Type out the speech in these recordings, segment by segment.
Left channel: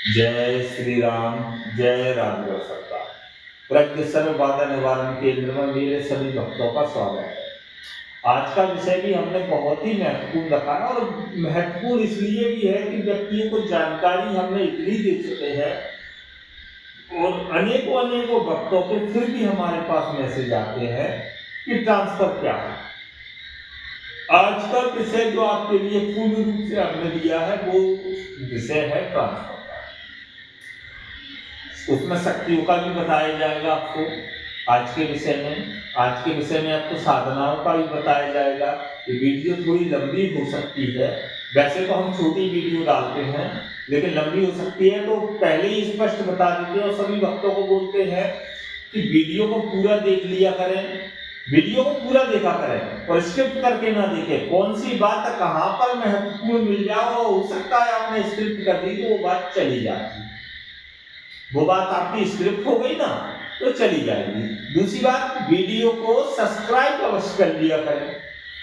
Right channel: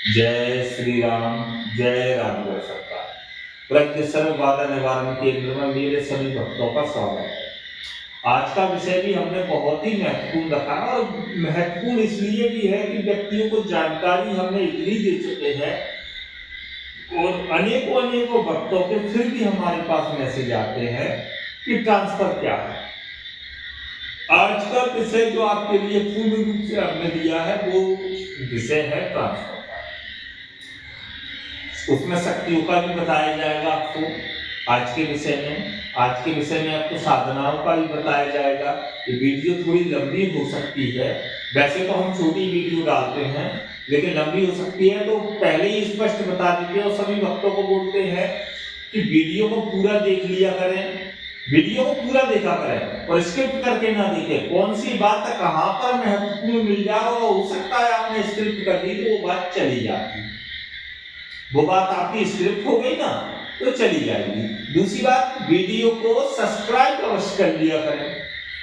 जय श्री राम, जय राघव सरकार। प्रज्ञ सर्व बाधा निवारण केंद्र में मेरे सभी भक्तों का स्वागत है। आज का विषय भी हमने बहुत ही महत्वपूर्ण रखा है और महत्वपूर्ण इसलिए भी है कि व्यक्तियों को जानकारी हमने इतनी दे चुके हैं और अनेकों अनेकों भक्तों के फिर भी हमारे पास मैसेज आते हैं कि ट्रांसफर क्या है। आज का विषय जो आपके लिए पूर्ण रूप से हमने दिया है वो विषय है ट्रांसफर। उसमें शक्तियों का भी बताया जाएगा आपको आज के विषय में आपको साधनाओं का भी बताया जाएगा। ये वीडियो थोड़ी लंबी हो सकती है, वैसे तो हम छोटी वीडियो डालते हैं लेकिन लंबी हो सकती है, तो पहले ही स्पष्ट बता देते हैं और सभी भक्तों को बोलते हैं कि वीडियो को पूरा देख लिया करें, वीडियो को पूरा देखा करें और स्क्रिप्ट करके ना देखें। कौन सी बात कहाँ पर महत्वपूर्ण मिल जाए, हो सकता है आपने स्क्रिप्ट कर दी तो वो बात चली जाती, वो बात आपकी स्क्रिप्ट हो गई ना तो चली जाएगी। दूसरी बात, वीडियो को सब्सक्राइब अवश्य कर लिया करें।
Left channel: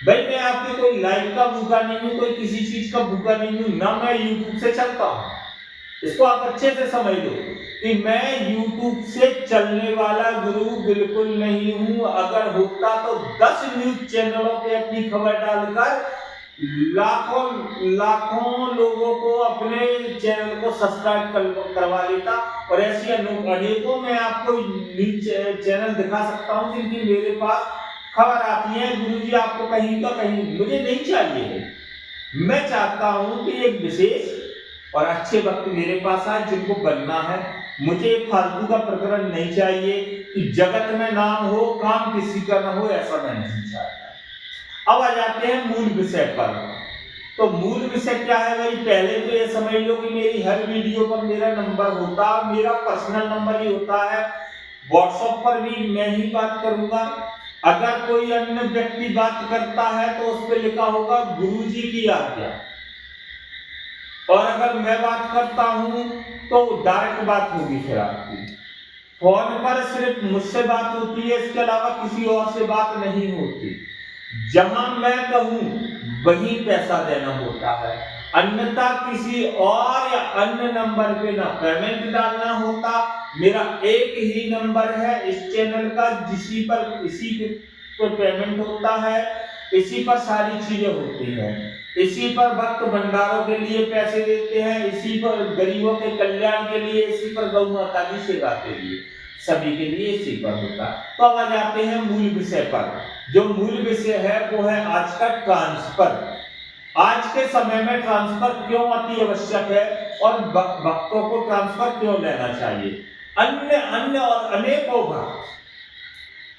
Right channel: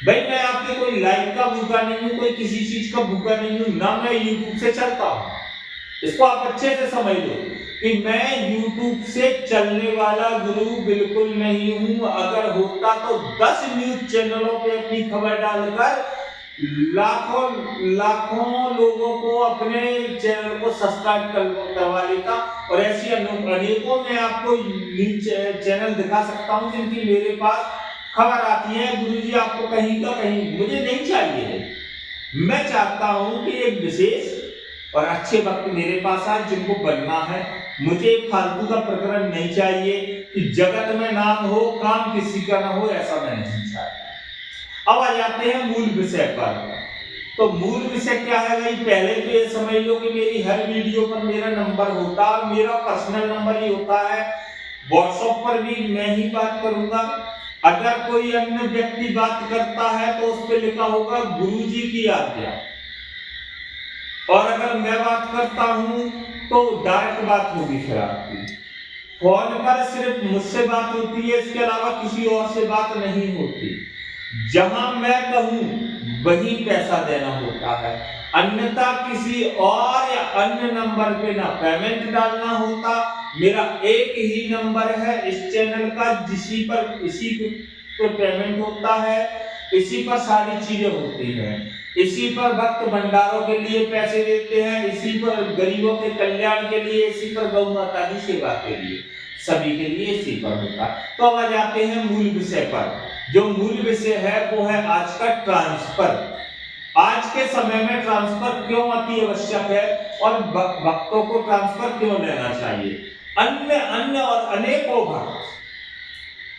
भाई मैं आपके कोई लाइक का भूखा नहीं हूं, कोई किसी चीज का भूखा नहीं हूं, ना मैं यूट्यूब से चलता हूं। इसको आप अच्छे से समझ लो कि मैं यूट्यूब से चलने वाला गुरु बिल्कुल नहीं हूं। अगर होता तो 10 न्यूज चैनलों पे अपनी खबर डालकर लाखों लाखों लोगों को अपने चैनल को सब्सक्राइब करवा लेता और ऐसी अनेकों मैं आपको न्यूज चैनल दिखा सकता हूं जिनकी मेरे पास खबर आती है, गुरुजी आपको कहीं का कहीं। मुझे नहीं चाहिए, मैं चाहता हूं कि एक विशेष और अच्छे वक्त मेरे पास आए जिनको बनना है। मुझे फालतू का प्रकरण नहीं चाहिए कि जगत में नाम हो, काम किसी का ना हो, ऐसा मैं नहीं चाहता। अब आ जाते हैं मूल विषय पर। तो मूल विषय क्या है भाई? पहले तो ये समझ लो कि मेरी हर वीडियो पर मेरा नंबर होता, मेरा पर्सनल नंबर ही होता है। व्हाट्सएप पर भी मैं ही बात करूंगा। अगर कोई अन्य व्यक्ति बात करता है तो उस पर लिखा होगा गुरुजी की आज्ञा, और अगर मैं बात करता हूं तो डायरेक्ट बात होगी। फिर आपकी फोन पर सिर्फ मुझसे बात होती है, इसके अलावा किसी और से बात नहीं होती। जहां मैं कहूं वहीं पैसा देना होता है, अन्यथा किसी और या अन्य नंबर पे ना पेमेंट डालना होता। मेरा एक ही नंबर है इस चैनल का, इसी पर पेमेंट होता है, इसी पर सारी चीजें होती हैं, इसी पर भक्त भंडारों के लिए पैसे देते हैं, इसी पर गरीबों के कल्याण के लिए, इसी पर गौ माता की सेवा के लिए, सभी के लिए इसी पर होता। तो अब आ जाते हैं मूल विषय पर। जो मूल विषय है वो है आज का ट्रांसफर। आज के समय में ट्रांसफर क्यों अति आवश्यक है और भक्तों को ट्रांसफर क्यों लेना चाहिए। अन्य अन्य और अनेकों भक्त,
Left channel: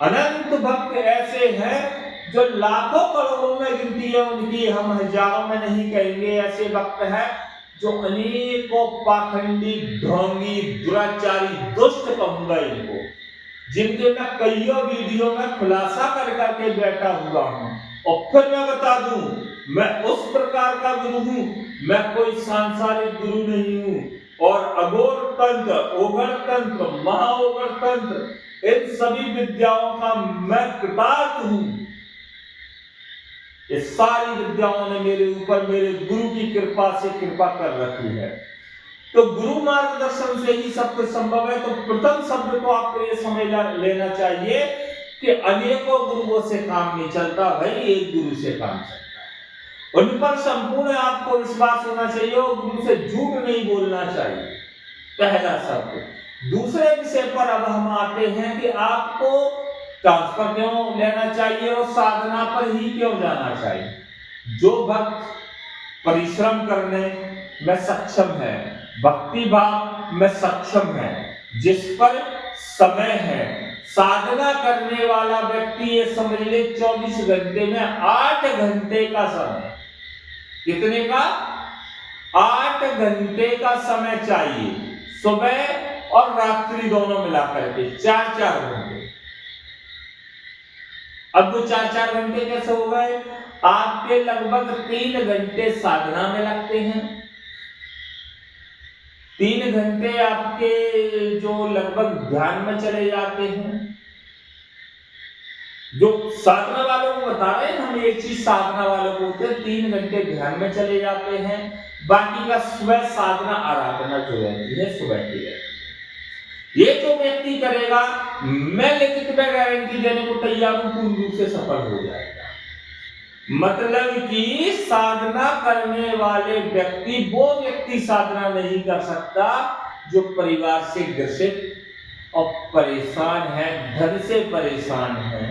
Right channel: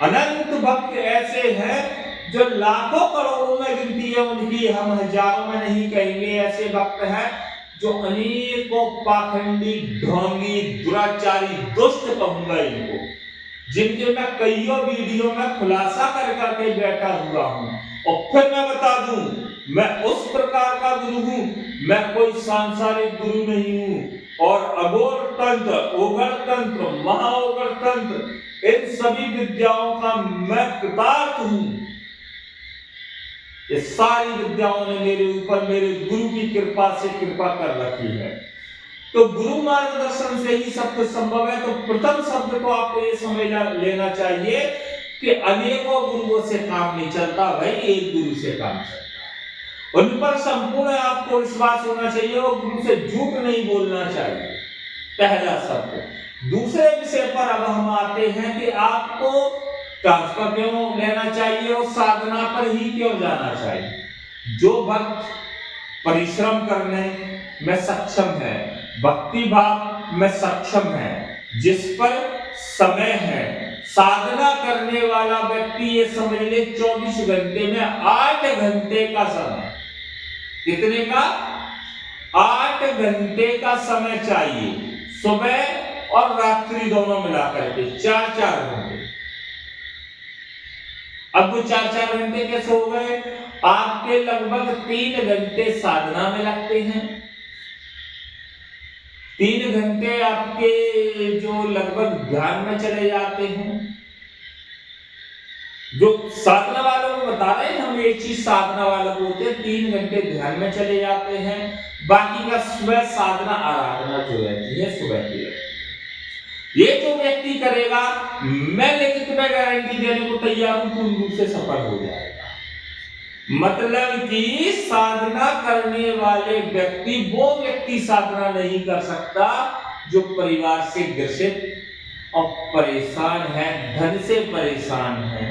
अनंत भक्त ऐसे हैं जो लाखों करोड़ों में गिनती है उनकी, हम हजारों में नहीं कहेंगे। ऐसे भक्त हैं जो अनेकों पाखंडी, ढोंगी, दुराचारी, दुष्ट कहूंगा इनको, जिनके मैं कईयों वीडियो में खुलासा कर करके बैठा हुआ हूं। और फिर मैं बता दूं, मैं उस प्रकार का गुरु हूं, मैं कोई सांसारिक गुरु नहीं हूं। और अघोर तंत्र, ओघर तंत्र, महाओघर तंत्र, इन सभी विद्याओं का मैं कृतार्थ हूं। ये सारी विद्याओं ने मेरे ऊपर मेरे गुरु की कृपा से कृपा कर रखी है। तो गुरु मार्गदर्शन से ही सब कुछ संभव है। तो प्रथम शब्द तो आपको ये समझ लेना चाहिए कि अनेकों गुरुओं से काम नहीं चलता भाई, एक गुरु से काम चलता है। उन पर संपूर्ण आपको विश्वास होना चाहिए और गुरु से झूठ नहीं बोलना चाहिए, पहला शब्द। दूसरे विषय पर अब हम आते हैं कि आपको ट्रांसफर क्यों लेना चाहिए और साधना पर ही क्यों जाना चाहिए। जो भक्त परिश्रम करने में सक्षम है, भक्ति भाव में सक्षम है, जिस पर समय है, साधना करने वाला व्यक्ति ये समझ ले 24 घंटे में 8 घंटे का समय, कितने का? 8 घंटे का समय चाहिए, सुबह और रात्रि दोनों मिलाकर के 4-4 घंटे। अब वो 4-4 घंटे कैसे हो गए? आपके लगभग 3 घंटे साधना में लगते हैं, 3 घंटे आपके जो लगभग ध्यान में चले जाते हैं, जो साधना वालों को बता रहे हैं हम, एक चीज साधना वालों को होते हैं 3 घंटे ध्यान में चले जाते हैं, बाकी का सुबह साधना आराधना जो रहती है सुबह की रहती है। ये जो व्यक्ति करेगा, मैं लिखित में गारंटी देने को तैयार हूं, पूर्ण रूप से सफल हो जाएगा। मतलब कि साधना करने वाले व्यक्ति, वो व्यक्ति साधना नहीं कर सकता जो परिवार से ग्रसित और परेशान है, धन से परेशान है।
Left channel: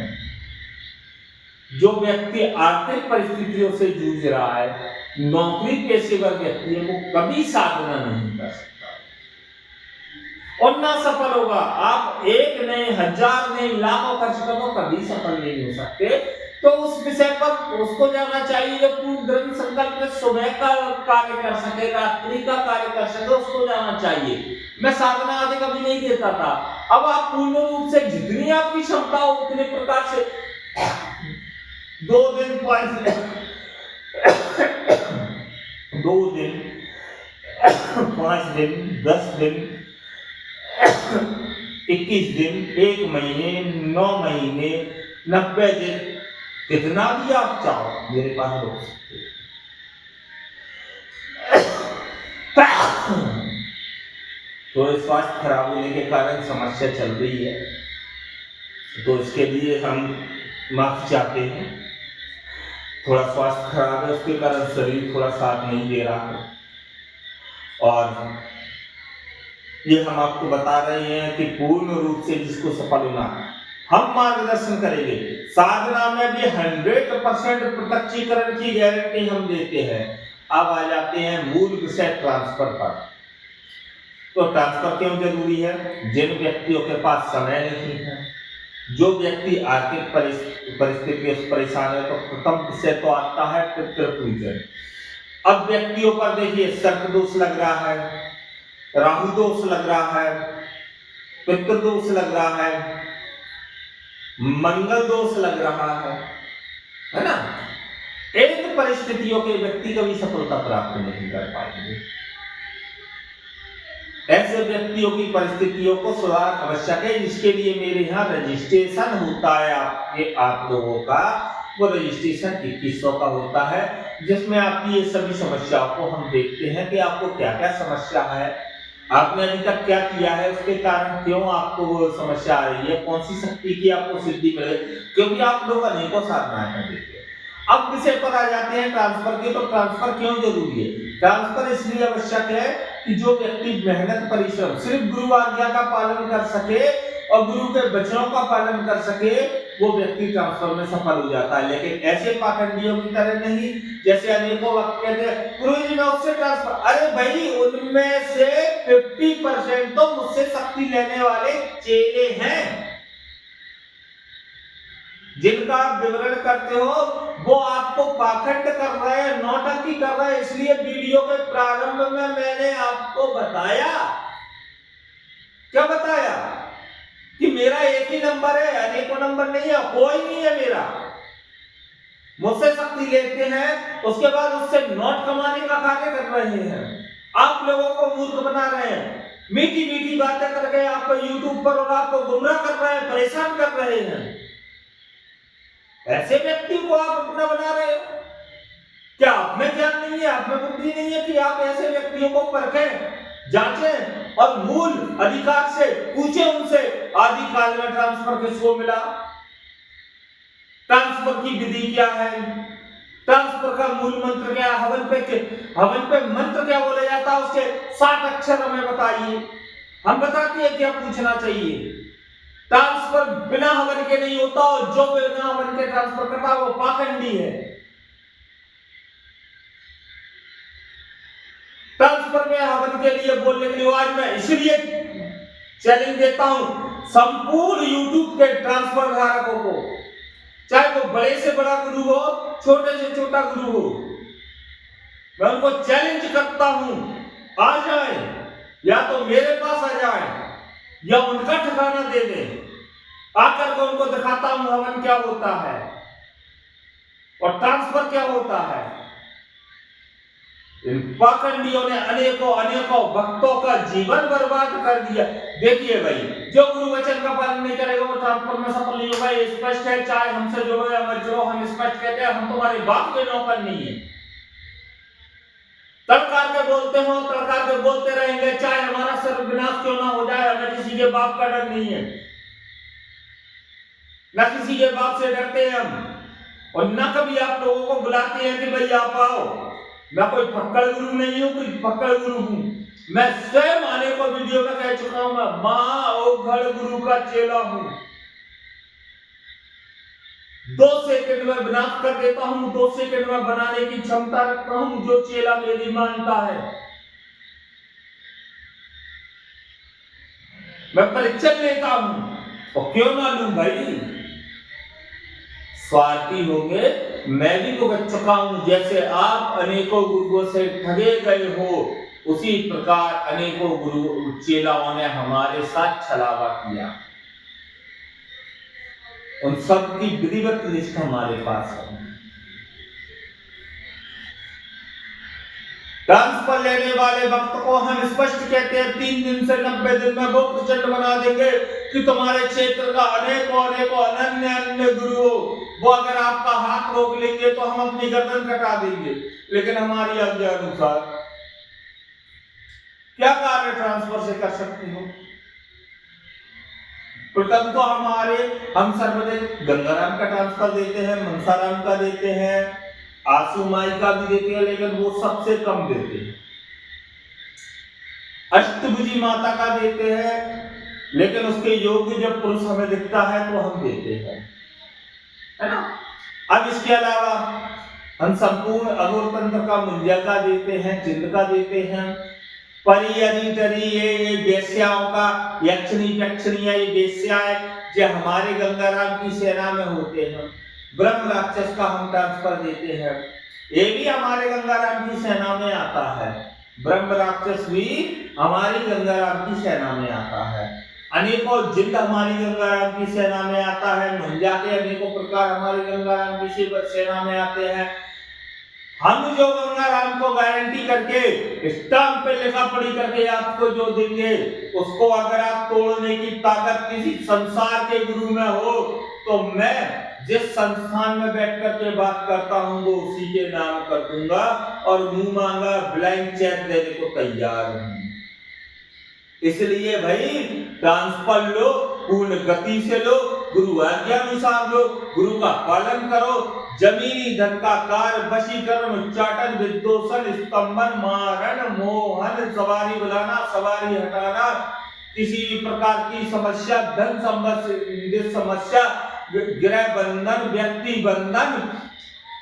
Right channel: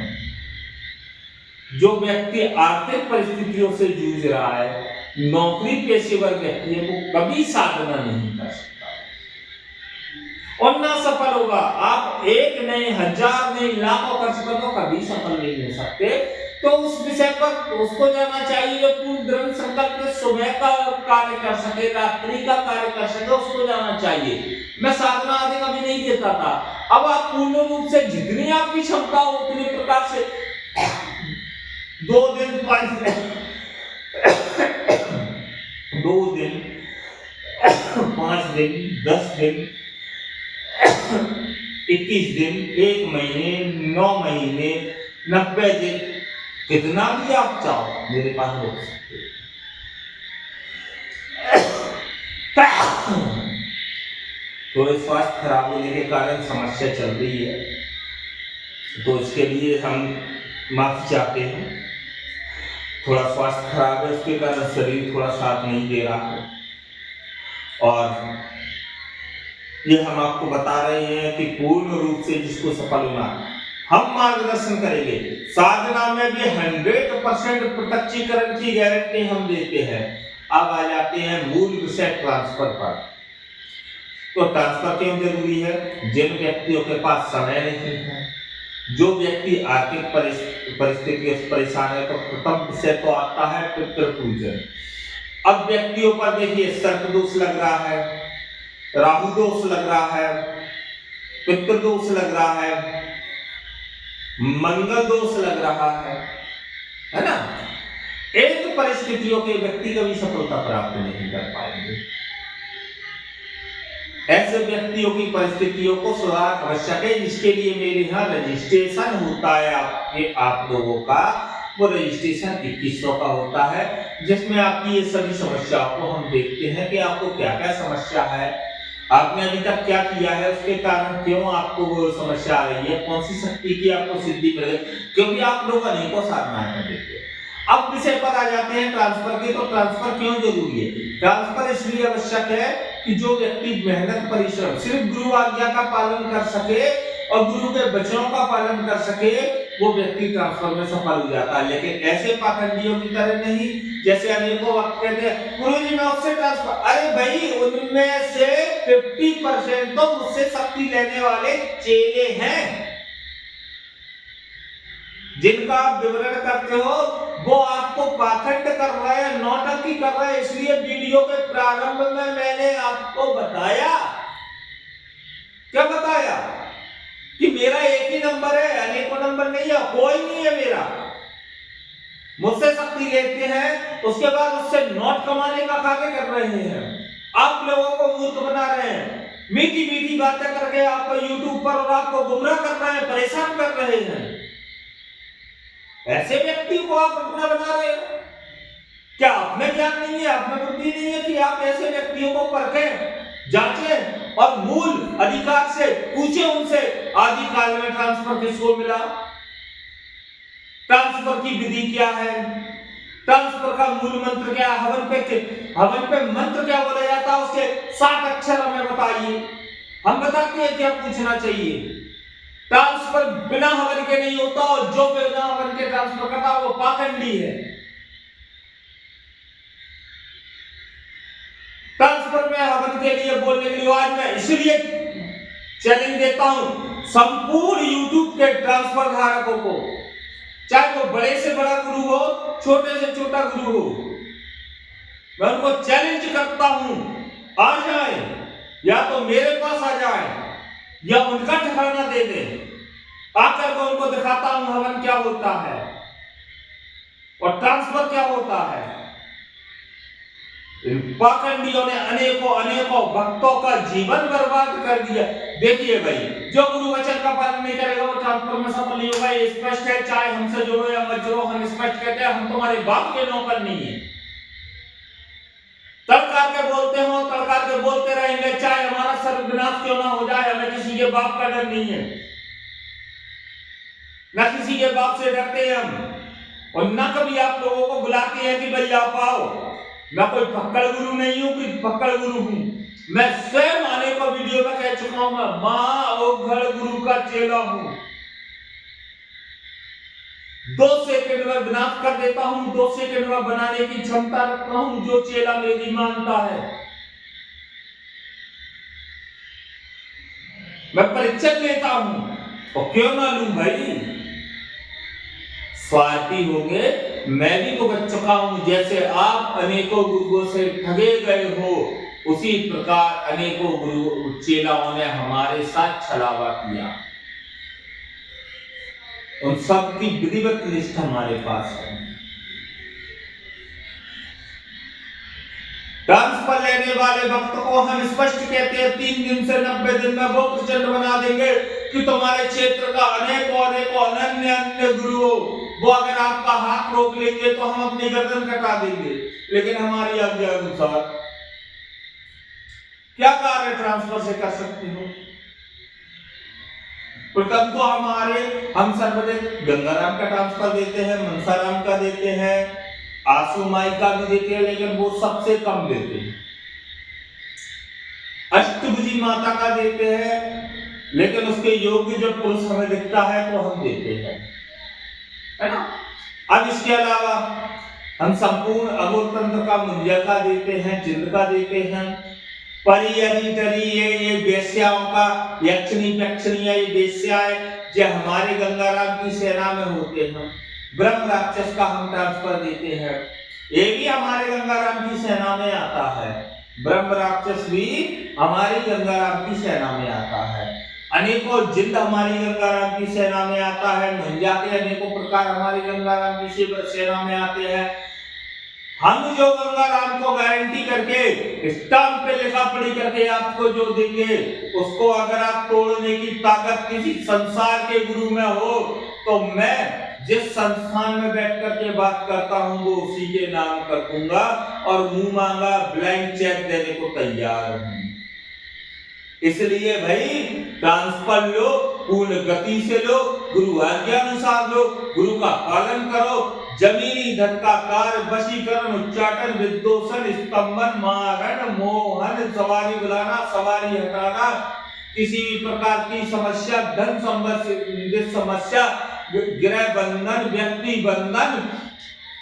जो व्यक्ति आर्थिक परिस्थितियों से जूझ रहा है, नौकरी पेशेवर व्यक्ति है, वो कभी साधना नहीं कर सकता और ना सफल होगा। आप 1 नहीं, 1000 नहीं, लाखों खर्च कर दो, कभी सफल नहीं हो सकते। तो उस विषय पर उसको जाना चाहिए जो पूर्ण दृढ़ संकल्प में सुबह का कार्य कर सके, रात्रि का कार्य कर सके, उसको जाना चाहिए। मैं साधना आदि कभी नहीं देता था। अब आप पूर्ण रूप से जितनी आपकी क्षमता हो उतने प्रकार से 2 दिन 5 दिन 2 दिन 5 दिन 10 दिन 21 दिन 1 महीने 9 महीने 90 दिन, कितना भी आप चाहो मेरे पास रोक सकते हो। थोड़े स्वास्थ्य खराब होने के कारण समस्या चल रही है, तो इसके लिए हम माफी चाहते हैं। थोड़ा स्वास्थ्य खराब है, उसके कारण शरीर थोड़ा साथ नहीं दे रहा है, और ये हम आपको बता रहे हैं कि पूर्ण रूप से जिसको सफल होना हम मार्गदर्शन करेंगे। साधना में भी 100% प्रत्यक्षीकरण की गारंटी हम देते हैं। अब आ जाते हैं मूल विषय ट्रांसफर पर। तो ट्रांसफर क्यों जरूरी है? जिन व्यक्तियों के पास समय नहीं है, जो व्यक्ति आर्थिक परिस्थितियों से परेशान है, तो प्रथम विषय तो आता है पितृपूजन। अब व्यक्तियों पर देखिए सर्प दोष लग रहा है, राहु दोष लग रहा है, पितृ दोष लग रहा है, मंगल दोष लग रहा है ना? इन परिस्थितियों के व्यक्ति कभी सफलता प्राप्त नहीं कर पाएंगे। ऐसे व्यक्तियों की परिस्थितियों को सुधार आवश्यक है, जिसके लिए मेरे यहाँ रजिस्ट्रेशन होता है आप लोगों का। वो रजिस्ट्रेशन 2100 का होता है, जिसमें आपकी ये सभी समस्याओं को हम देखते हैं कि आपको क्या क्या समस्या है, आपने अभी तक क्या किया है, उसके कारण क्यों आपको वो समस्या आ रही है, कौन सी शक्ति की आपको सिद्धि मिले, क्योंकि आप लोग अनेकों साधनाएं कर देते हैं। अब विषय पर आ जाते हैं ट्रांसफर के। तो ट्रांसफर क्यों जरूरी है? ट्रांसफर इसलिए आवश्यक है कि जो व्यक्ति मेहनत परिश्रम सिर्फ गुरु आज्ञा का पालन कर सके और गुरु के वचनों का पालन कर सके, वो व्यक्ति ट्रांसफर में सफल हो जाता है। लेकिन ऐसे पाखंडियों की तरह नहीं, जैसे अनेकों वक्त कहते हैं गुरु जी मैं उससे ट्रांसफर, अरे भाई उनमें से 50% तो मुझसे शक्ति लेने वाले चेले हैं। जिनका आप विवरण करते हो वो आपको पाखंड कर रहे हैं, नौटंकी कर रहे हैं। इसलिए वीडियो के प्रारंभ में मैंने आपको बताया, क्या बताया? कि मेरा एक ही नंबर है, अनेकों नंबर नहीं है, कोई नहीं है मेरा। मुझसे शक्ति लेते हैं, उसके बाद उससे नोट कमाने का कार्य कर रहे हैं। आप लोगों को मूर्ख बना रहे हैं, मीठी मीठी बातें करके आपको यूट्यूब पर और आपको गुमराह कर रहे हैं, परेशान कर रहे हैं। ऐसे व्यक्ति को आप अपना बना रहे हो। क्या आप में ज्ञान नहीं है, आप में बुद्धि नहीं है कि आप ऐसे व्यक्तियों को परखें, जांचें और मूल अधिकार से पूछे उनसे आदि काल में ट्रांसफर किसको मिला, ट्रांसफर की विधि क्या है, ट्रांसफर का मूल मंत्र क्या, हवन पे मंत्र क्या बोला जाता है, उसके 7 अक्षर हमें बताइए। हम बताते हैं क्या पूछना चाहिए। ट्रांसफर बिना हवन के नहीं होता, और जो बिना हवन के ट्रांसफर करता है वो पाखंडी है। ट्रांसफर में हवन के लिए बोलने के लिए आज मैं इसलिए चैलेंज देता हूं संपूर्ण यूट्यूब के ट्रांसफर धारकों को, चाहे वो बड़े से बड़ा गुरु हो, छोटे से छोटा गुरु हो, मैं उनको चैलेंज करता हूं, आ जाए, या तो मेरे पास आ जाए या उनका ठिकाना दे दे, आकर के उनको दिखाता हूं हवन क्या होता है और ट्रांसफर क्या होता है। इन पाखंडियों ने अनेकों अनेकों भक्तों का जीवन बर्बाद कर दिया। देखिए भाई, जो गुरु वचन का पालन नहीं करेगा वो ट्रांसफर में सफल नहीं होगा। ये स्पष्ट है, चाहे हमसे जुड़ो या मत जुड़ो, हम स्पष्ट कहते हैं हम तुम्हारे बाप के नौकर नहीं है। तड़कार के बोलते हो, तड़कार के बोलते रहेंगे, चाहे हमारा सर्वविनाश क्यों ना हो जाए, हमें किसी के बाप का डर नहीं है, न किसी के बाप से डरते हैं हम, और न कभी आप लोगों को बुलाते हैं कि भाई आप आओ। मैं कोई पक्कड़ गुरु नहीं हूं, कोई पक्कड़ गुरु हूं। मैं स्वयं आने को वीडियो में कह चुका हूं, मैं महाओघड़ गुरु का चेला हूं। 2 सेकंड में विनाश कर देता हूं, 2 सेकंड में बनाने की क्षमता रखता हूं, जो चेला मेरी मानता है। मैं परीक्षा लेता हूं, और क्यों ना लूं भाई। स्वार्थी होंगे, मैं भी भुगत चुका हूं। जैसे आप अनेकों गुरुओं से ठगे गए हो, उसी प्रकार अनेकों गुरु चेलाओं ने हमारे साथ छलावा किया। उन सब की विधिवत लिस्ट हमारे पास है। ट्रांसफर लेने वाले वक्त को हम स्पष्ट कहते हैं 3 दिन से 90 दिन में वो प्रचंड बना देंगे कि तुम्हारे क्षेत्र का अनेकों अनेकों अनन्य अन्य गुरु, वो अगर आपका हाथ रोक लेंगे तो हम अपनी गर्दन कटा देंगे। लेकिन हमारी आज्ञा अनुसार क्या कार्य ट्रांसफर से कर सकते हो? प्रथम तो हम सर्वदेव गंगाराम का ट्रांसफर देते हैं, मनसाराम का देते हैं, आंसू माई का भी देते हैं, लेकिन वो सबसे कम देते हैं। अष्टभुजी माता का देते हैं, लेकिन उसके योग्य जब पुरुष हमें दिखता है तो हम देते हैं, है ना। अब इसके अलावा हम संपूर्ण अघोर तंत्र का मुंजा का देते हैं, जिंद का देते हैं, परी अरी टरी ये वेश्याओं का, यक्षिणी यक्षिणी ये वेश्याएं जो हमारे गंगाराम की सेना में होते हैं। ब्रह्म राक्षस का हम ट्रांसफर देते हैं, ये भी हमारे गंगाराम की सेना में आता है। ब्रह्म राक्षस भी हमारी गंगाराम की सेना में आता है। अनेकों जिंद हमारी गंगाराम की सेना में आता है। मुंजा के अनेकों प्रकार हमारी गंगाराम की सेना में आते हैं। हम जो गंगाराम को गारंटी करके स्टाम्प पे लिखा पढ़ी करके आपको जो देंगे, उसको अगर आप तोड़ने की ताकत किसी संसार के गुरु में हो, तो मैं जिस संस्थान में बैठ करके बात करता हूं वो उसी के नाम कर दूंगा, और मुंह मांगा ब्लैंक चेक देने को तैयार हूं। इसलिए भाई ट्रांसफर लो, पूर्ण गति से लो, गुरु आज्ञा अनुसार लो, गुरु का पालन करो। जमीनी धन का कार्य, वशीकरण, उच्चाटन, विद्योषण, स्तंभन, मारण, मोहन, सवारी बुलाना, सवारी हटाना, किसी भी प्रकार की समस्या, धन संबंधित समस्या, गृह बंधन, व्यक्ति बंधन,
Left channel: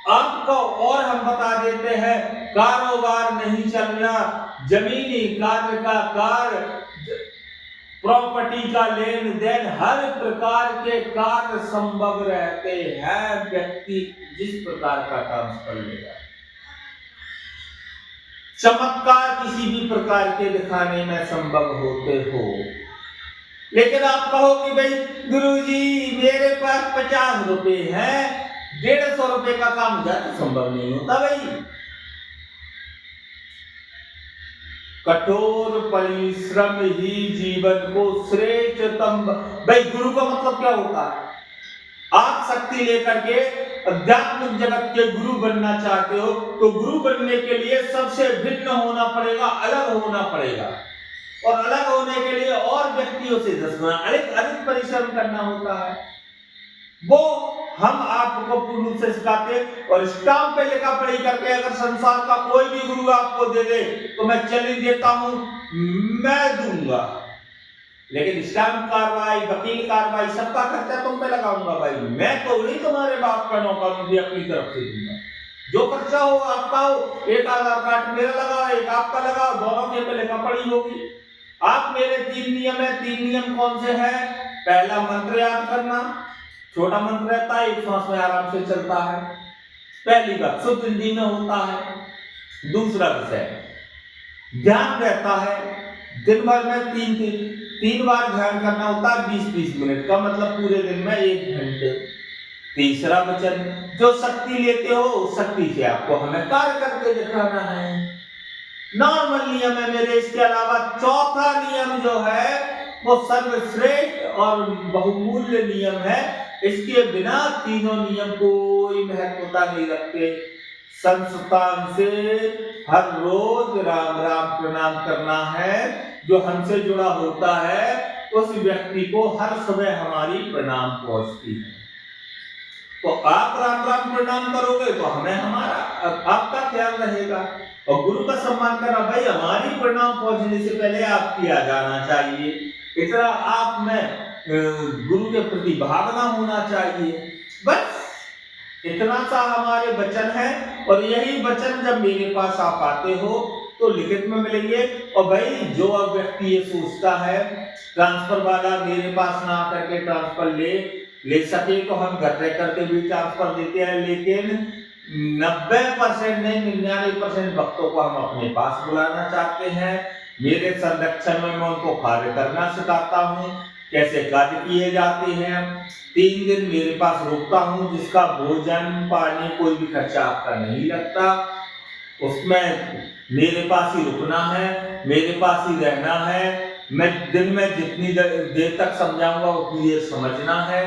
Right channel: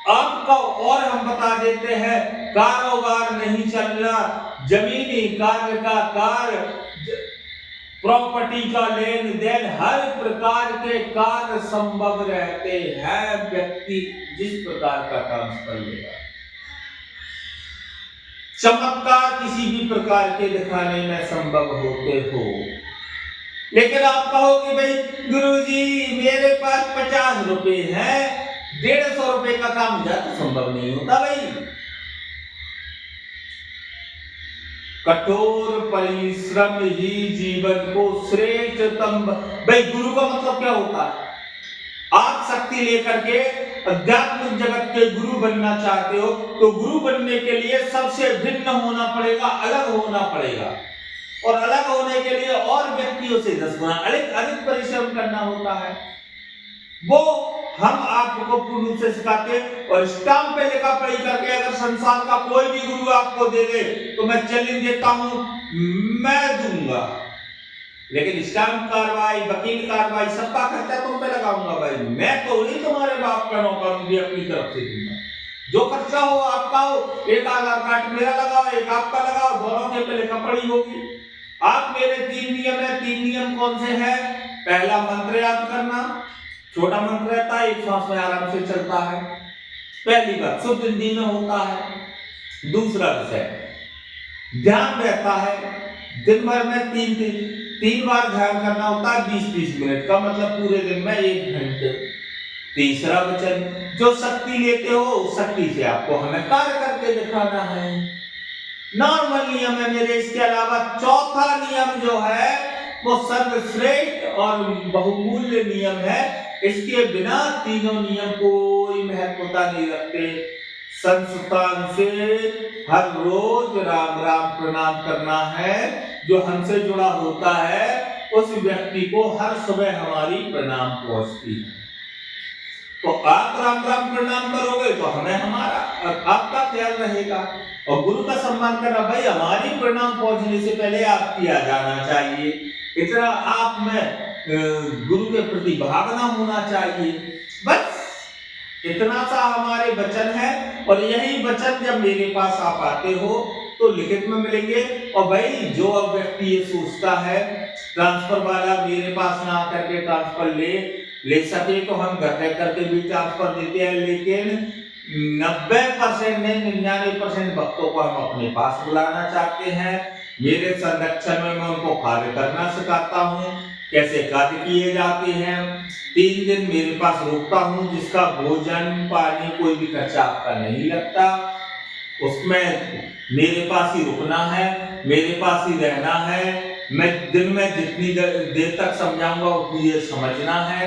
आपको और हम बता देते हैं, कारोबार नहीं चलना, जमीनी कार्य का कार्य, प्रॉपर्टी का लेन देन, हर प्रकार के कार्य संभव रहते हैं। व्यक्ति जिस प्रकार का ट्रांसफर लेगा, चमत्कार किसी भी प्रकार के दिखाने में संभव होते हो। लेकिन आप कहो कि भाई गुरुजी मेरे पास 50 रुपए हैं, 150 रुपए का काम हो जाए, तो संभव नहीं होता भाई। कठोर परिश्रम ही जीवन को श्रेष्ठतम। भाई गुरु का मतलब क्या होता है? आप शक्ति लेकर के आध्यात्मिक जगत के गुरु बनना चाहते हो, तो गुरु बनने के लिए सबसे भिन्न होना पड़ेगा, अलग होना पड़ेगा, और अलग होने के लिए और व्यक्तियों से 10 गुना अधिक परिश्रम करना होता है। वो हम आपको पूर्ण रूप से सिखाते हैं। और स्टाम्प पे लिखा पढ़ी करके अगर संसार का कोई भी गुरु आपको दे दे, तो मैं चैलेंज देता हूं, मैं दूंगा, लेकिन स्टाम्प कार्रवाई, वकील कार्रवाई, सबका खर्चा तुम पे लगाऊंगा भाई। मैं तो नहीं तुम्हारे बाप का नौकर हूं, अपनी तरफ से दूंगा। जो खर्चा हो आपका हो, एक आधार कार्ड मेरा लगाओ, एक आपका लगाओ, दोनों के पे लिखा पढ़ी होगी। आप मेरे 3 नियम है। 3 नियम कौन से हैं? पहला, मंत्र याद करना, छोटा मंत्र रहता है, एक सांस में आराम से चलता है। पहली बात शुद्ध हिंदी में होता है। दूसरा विषय ध्यान रहता है, दिन भर में 3 बार ध्यान करना होता है, 20-20 मिनट का, मतलब पूरे दिन में 1 घंटे। तीसरा वचन, जो शक्ति लेते हो उस शक्ति से आपको हमें कार्य करके दिखाना है। नॉर्मल नियम है मेरे। इसके अलावा चौथा नियम जो है वो सर्वश्रेष्ठ और बहुमूल्य नियम है। इसके बिना तीनों नियम कोई महत्वता नहीं रखते। संस्थान से हर रोज राम राम प्रणाम करना है। जो हमसे जुड़ा होता है उस व्यक्ति को हर सुबह हमारी प्रणाम पहुंचती है। तो आप राम राम प्रणाम करोगे तो हमें हमारा आपका ख्याल रहेगा। और गुरु का सम्मान करना, भाई हमारी प्रणाम पहुंचने से पहले आप किया जाना चाहिए। इतना आप में गुरु के प्रति भावना होना चाहिए। बस इतना सा हमारे वचन है। और यही वचन जब मेरे पास आप आते हो तो लिखित में मिलेंगे। और भाई जो व्यक्ति ये सोचता है ट्रांसफर वाला मेरे पास ना करके ट्रांसफर ले सके तो हम घर रह करके भी ट्रांसफर देते हैं। लेकिन 90% नहीं 99% भक्तों को हम अपने पास बुलाना चाहते हैं। मेरे संरक्षण में मैं उनको कार्य करना सिखाता हूँ, कैसे कार्य किए जाते हैं। 3 दिन मेरे पास रुकता हूँ जिसका भोजन पानी कोई भी खर्चा आपका नहीं लगता। उसमें मेरे पास ही रुकना है, मेरे पास ही रहना है। मैं दिन में जितनी देर तक समझाऊंगा उतनी देर समझना है,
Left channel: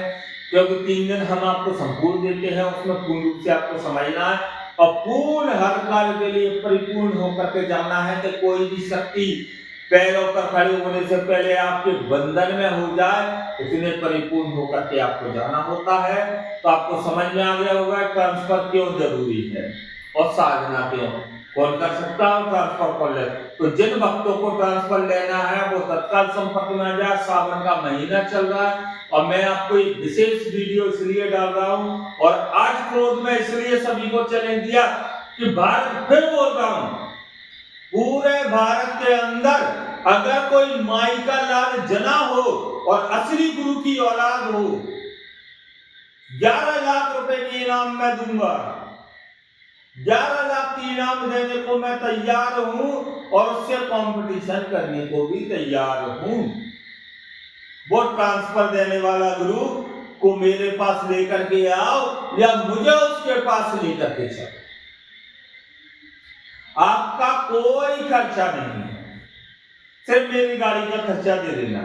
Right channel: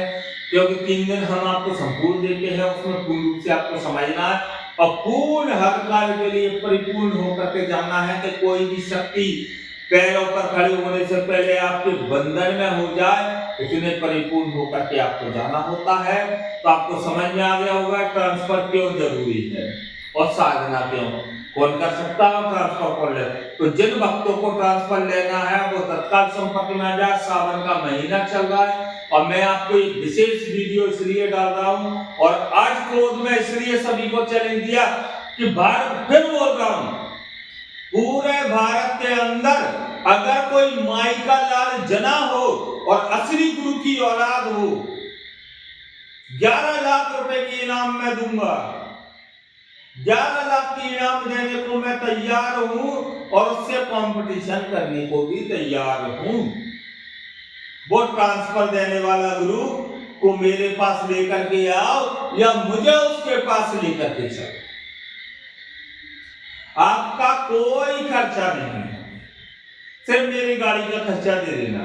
क्योंकि 3 दिन हम आपको संपूर्ण देते हैं, उसमें पूर्ण रूप से आपको समझना है और पूर्ण हर कार्य के लिए परिपूर्ण होकर के जाना है कि कोई भी शक्ति पैरों पर खड़े होने से पहले आपके बंधन में हो जाए, इतने परिपूर्ण होकर के आपको जाना होता है। तो आपको समझ में आ गया होगा ट्रांसफर क्यों जरूरी है और साधना क्यों। कौन कर सकता है ट्रांसफर कर ले। तो जिन भक्तों को ट्रांसफर लेना है वो तत्काल संपर्क में आ जाए। सावन का महीना चल रहा है और मैं आपको एक विशेष वीडियो इसलिए डाल रहा हूं और आज क्रोध में इसलिए सभी को चैलेंज दिया कि भारत, फिर बोल रहा हूं, पूरे भारत के अंदर अगर कोई माई का लाल जना हो और असली गुरु की औलाद हो, 11 लाख रुपए की इनाम मैं दूंगा। 11 लाख की इनाम देने को मैं तैयार हूं और उससे कंपटीशन करने को भी तैयार हूं। वो ट्रांसफर देने वाला गुरु को मेरे पास लेकर के आओ या मुझे उसके पास लेकर के चलो। आपका कोई खर्चा नहीं है, सिर्फ मेरी गाड़ी का खर्चा दे देना।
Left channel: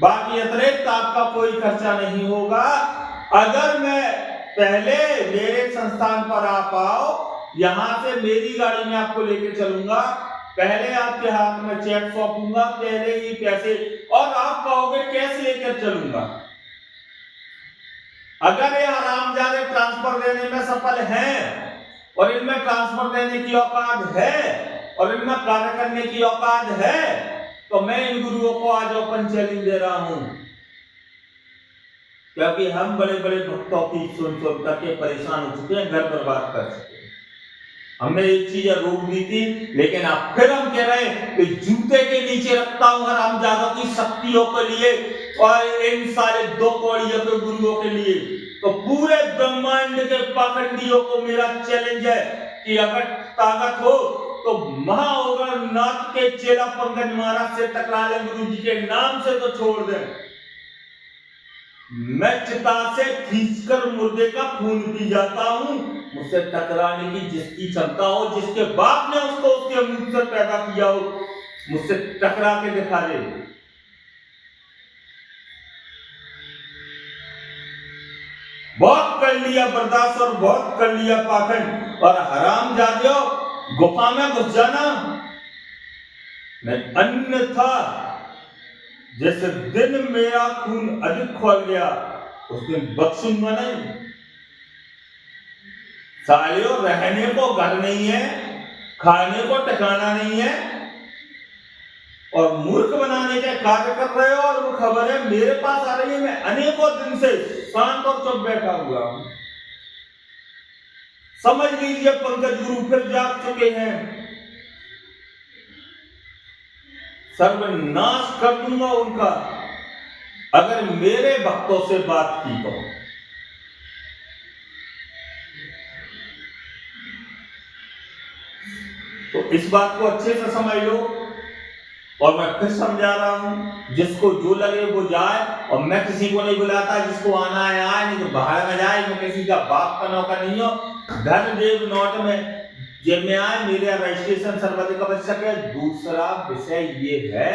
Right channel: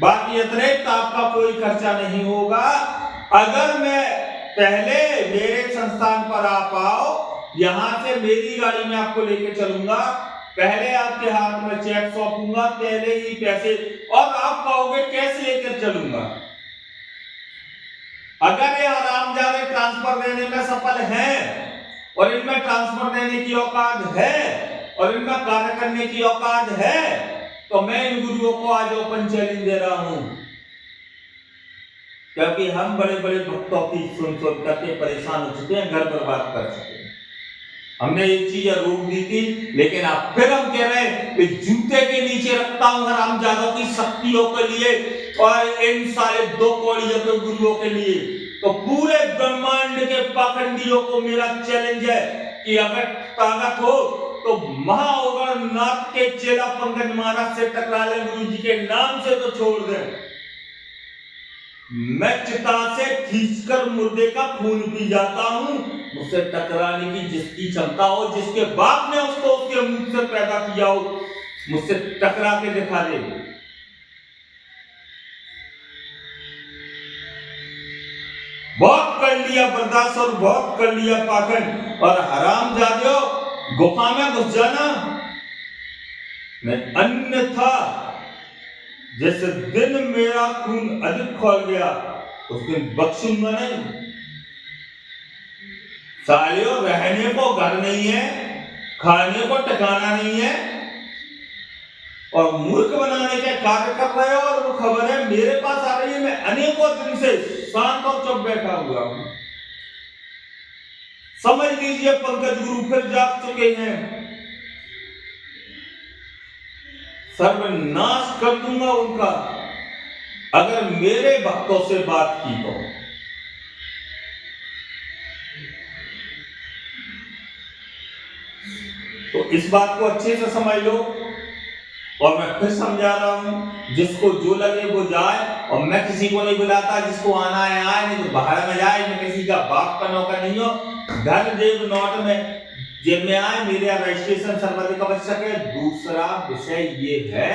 बाकी अतिरिक्त आपका कोई खर्चा नहीं होगा। अगर मैं पहले मेरे संस्थान पर आप आओ, यहां से मेरी गाड़ी में आपको लेके चलूंगा, पहले आपके हाथ में चेक सौंपूंगा, पहले ही पैसे, और आप कहोगे कैश लेकर चलूंगा। अगर ये हरामजादे ट्रांसफर देने में सफल हैं और इनमें ट्रांसफर देने की औकात है और इनमें कार्य करने की औकात है, तो मैं इन गुरुओं को आज ओपन चैलेंज दे रहा हूं। क्योंकि हम बड़े बड़े भक्तों की सुन करके परेशान हो चुके हैं, घर बर्बाद कर चुके हैं। हमने एक चीज रोक दी थी, लेकिन अब फिर हम कह रहे हैं कि जूते के नीचे रखता हूं हरामजादों की शक्तियों के लिए और इन सारे 2 कौड़ियों के गुरुओं के लिए। तो पूरे ब्रह्मांड के पाखंडियों को मेरा चैलेंज है कि अगर ताकत हो तो महानाथ के चेला पंकज महाराज से टकरा ले, गुरु जी के नाम से तो छोड़ दें। मैं चिता से खींचकर मुर्दे का खून पी जाता हूं। मुझसे टकराने की जिसकी क्षमता हो, जिसके बाप ने उसको उसके मुंह से पैदा किया हो, मुझसे टकरा के दिखा दे। बहुत कर लिया बर्दाश्त और बहुत कर लिया पाखंड, और हरामजादियों गुफा में घुस जाना। मैं अन्यथा जिस दिन मेरा खून अधिक खोल गया उस दिन बख्शूंगा नहीं। सालियों, रहने को घर नहीं है, खाने को ठिकाना नहीं है और मूर्ख बनाने के कार्य कर रहे हो। और वो खबर है मेरे पास आ रही है, मैं अनेकों दिन से शांत और चुप बैठा हुआ हूं। समझ लीजिए पंकज गुरु फिर जाग चुके हैं। सर्वनाश कर दूंगा उनका अगर मेरे भक्तों से बात की तो इस बात को अच्छे से समझ लो। और मैं फिर समझा रहा हूं, जिसको जो लगे वो जाए। और मैं किसी को नहीं बुलाता, जिसको आना है आए, नहीं तो बाहर में जाए। मैं किसी का बाप का नौकर नहीं हूं। धन देव नौट में जब मैं आए मेरे रजिस्ट्रेशन सर्वाधिक आवश्यक है। दूसरा विषय ये है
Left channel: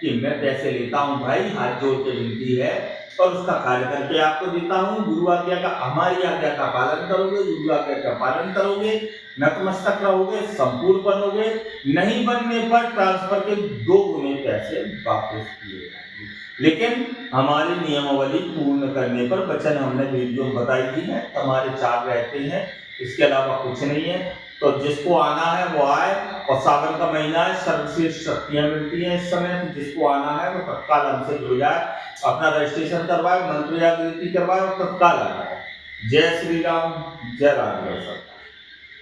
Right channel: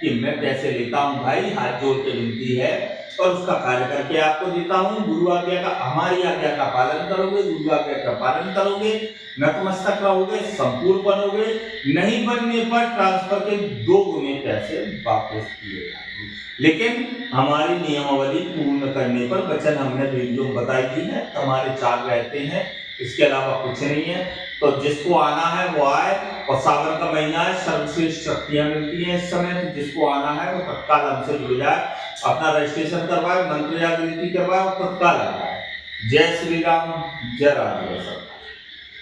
कि मैं पैसे लेता हूं भाई, हाथ जोड़ के विनती है, और उसका कार्य करके आपको देता हूं। गुरु आज्ञा का, हमारी आज्ञा का पालन करोगे, गुरु आज्ञा का पालन करोगे, नतमस्तक रहोगे, संपूर्ण बनोगे, नहीं बनने पर ट्रांसफर के 2 गुने पैसे वापस किए जाएंगे। लेकिन हमारी नियमावली पूर्ण करने पर वचन हमने वीडियो में बताई दी है, हमारे 4 रहते हैं, इसके अलावा कुछ नहीं है। तो जिसको आना है वो आए, और सावन का महीना है, सर्वश्रेष्ठ शक्तियां मिलती हैं इस समय, तो जिसको आना है वो तत्काल हमसे जुड़ जाए, अपना रजिस्ट्रेशन करवाए, मंत्र जागृति करवाए और तत्काल आ जाए। जय श्री राम, जय राम।